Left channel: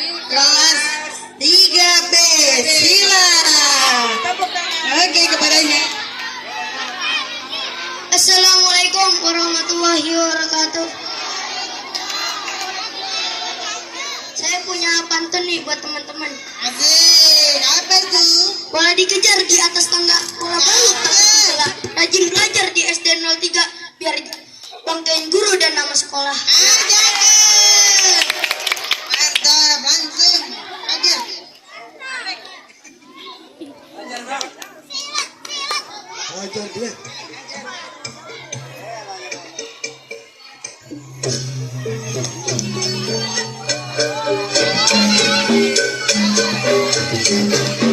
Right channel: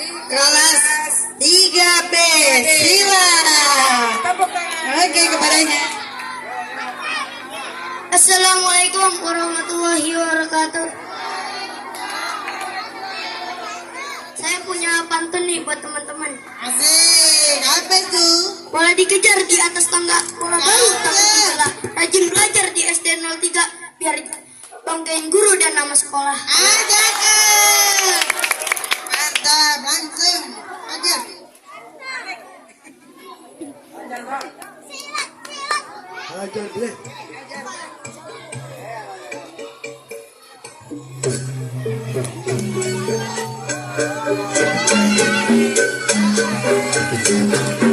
kelas 3B. Silakan. Oke, kepadanya. Assalamualaikum warahmatullahi wabarakatuh. Saya punya pantun nih buat teman-teman. Asik, apa tuh? Bola dikejar di atas tangga, bola baru tak terkejar. Rajin belajar di SD 03 biar banggain guru dan nama sekolah. Mantap, langsung aja. Ajar deh. Thank you.